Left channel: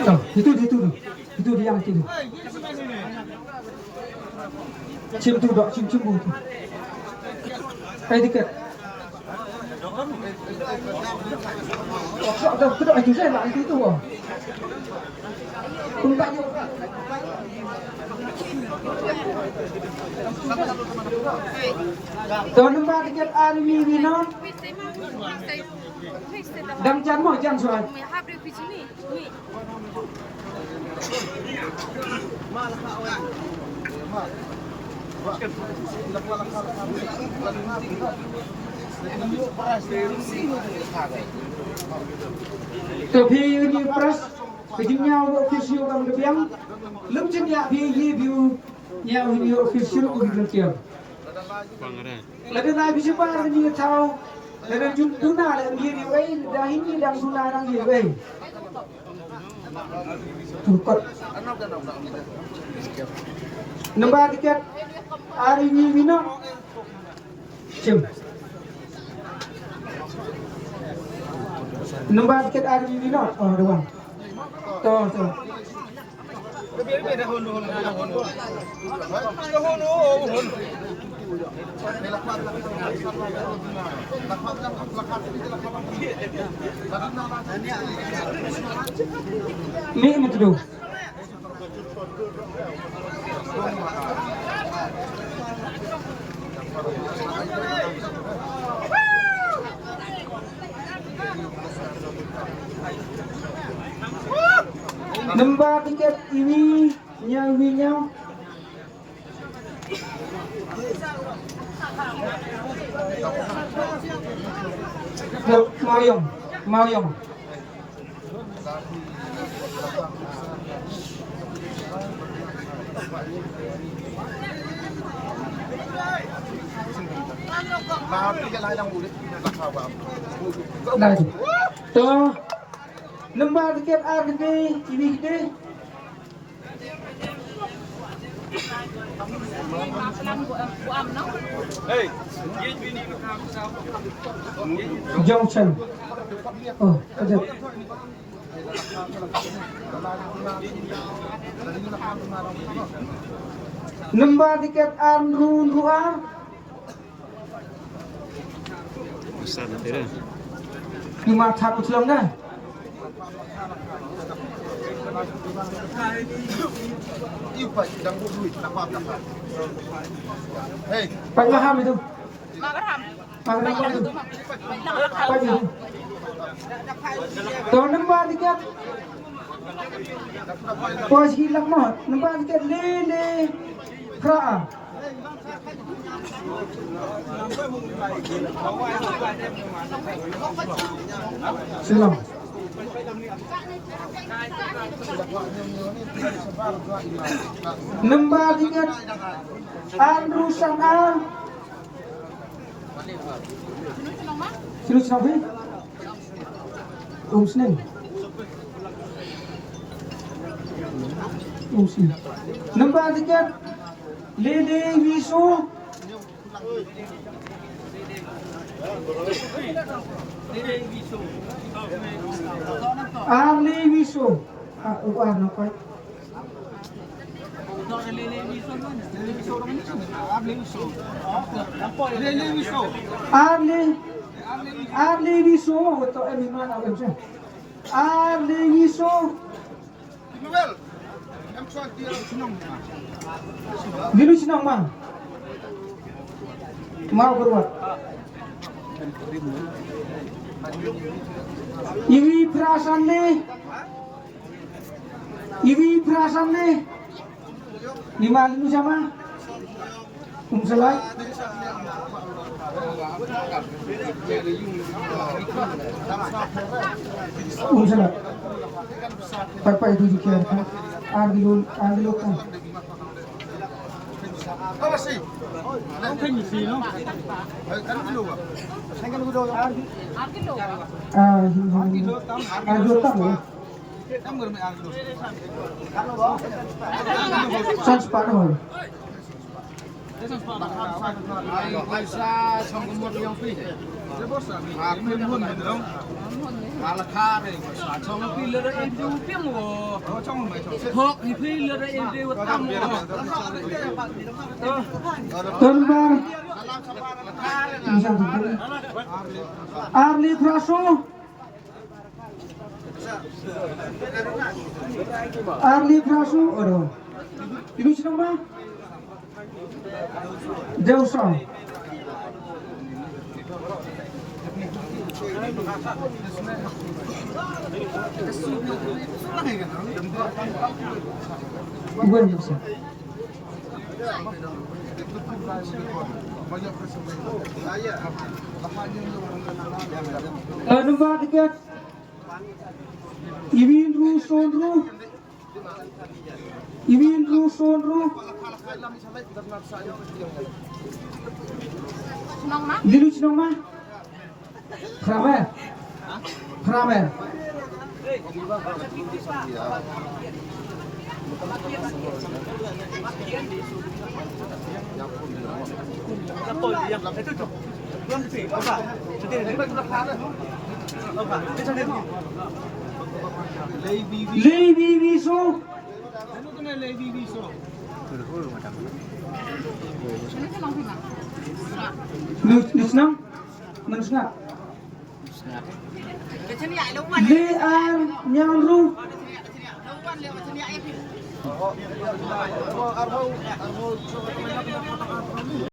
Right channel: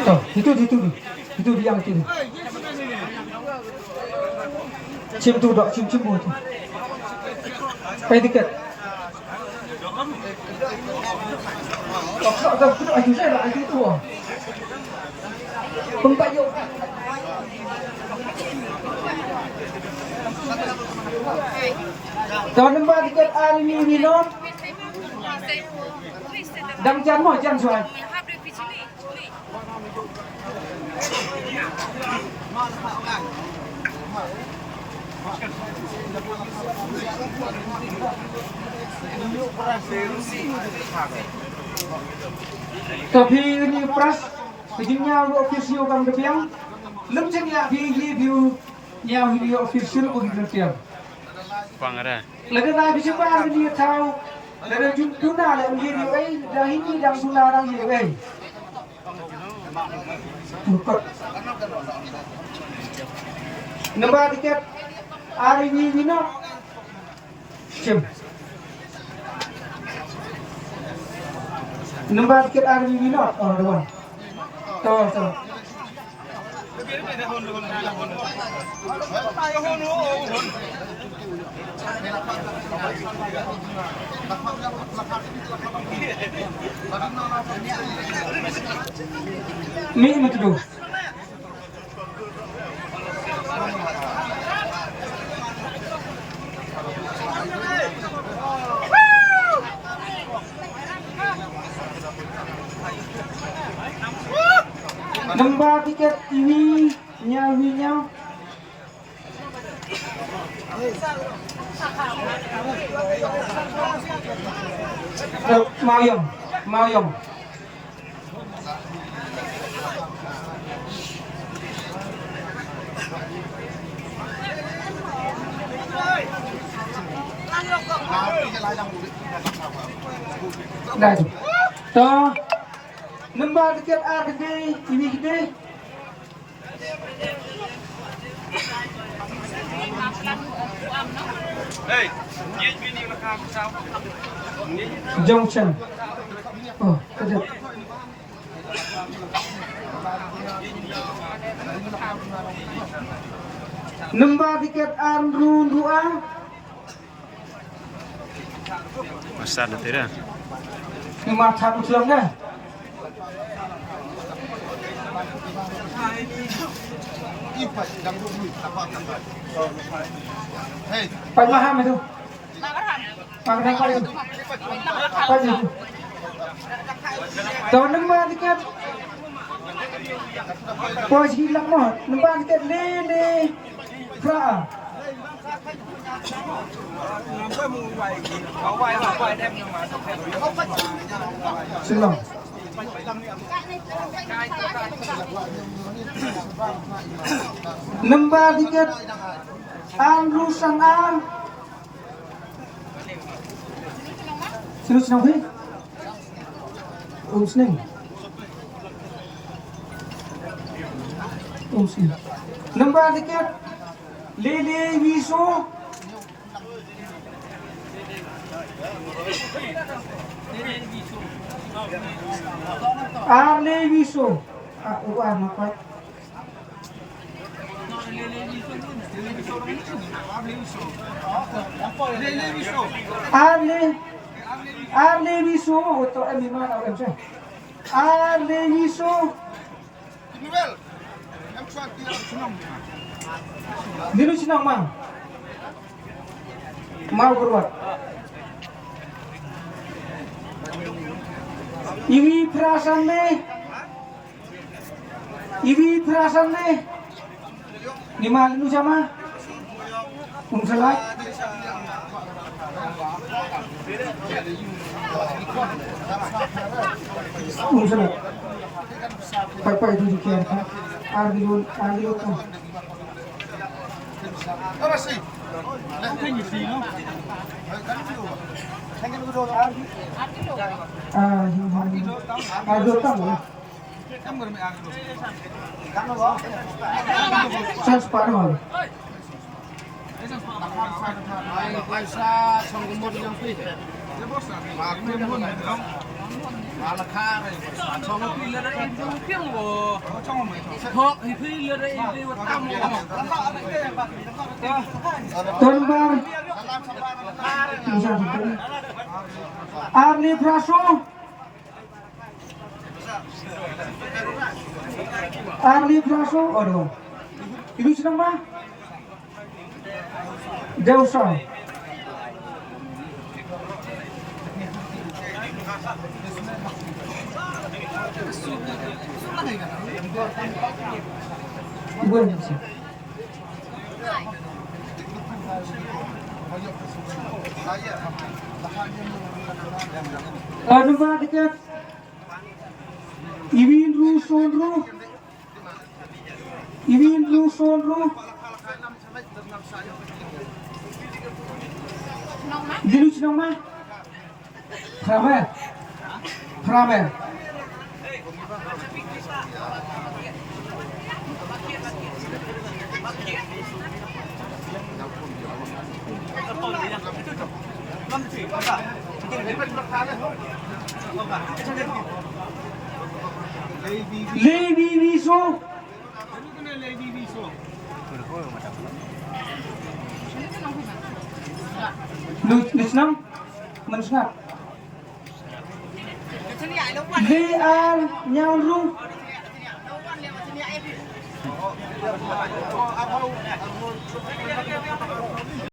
Tuh, itu dia itu. Cium tuh dok, cium tuh. Pay tiket. Đâu, cái anh chú sẽ lại cái tủ. Không phải đâu. Tahun depan tiket Army Winon. Đăng chắn hỏi chắn rồi. Tapi ini pras kejinya official kam kepiang lem cengya di view nya ini official ko kepiang Pangara lagi nai bisa par ni tahu lagi juna le ni ai dah ini dah suna orang ni ai tukar nombor tiket Army Winon cem nombor tiket Army Winon oh dewan tuh ni macam nombor tiket ini nyawinya Mayong Nah, toh nombor tiket RD ini gede. Hey, ini rakam sao? Junction. Oh, ada. Nombor tiket Andrew Lua. Besar tidak? Ini macam Islam dah. Pak Maham itu. Pak Maham itu. Teman nombor tiket. Pos hilang mah. Nombor tiket lele. Kra. Silang. Nombor tiket Andrew Sanal. Sino sinabi? Seneng. Nombor tiket Lele Wiso. Arle Wiso. Ano pa? Arle Wiso. Ito ay may mga alam siya. Arle Wiso. Dino sinang mang. Mau berbuat. Iwi perasan nih. Lima lu sama. Salah. Salah. Pai di kian. Agilo kan. Ora sì. Non quindi sì, no? Agilo kan. Sans parol. Sa sanggumo yang pili. Malah kare, Chong pilih ada ibu piang wo. Hok ni pilih ada ibu tamu. Tuan Bang Arli Praso aduh ini sedang Bang jauh sang gue bisa Number tiket Iwin Ru Sonru Diluc nama Kramer Levi Viso Lusnam Manusnap VR Nyanru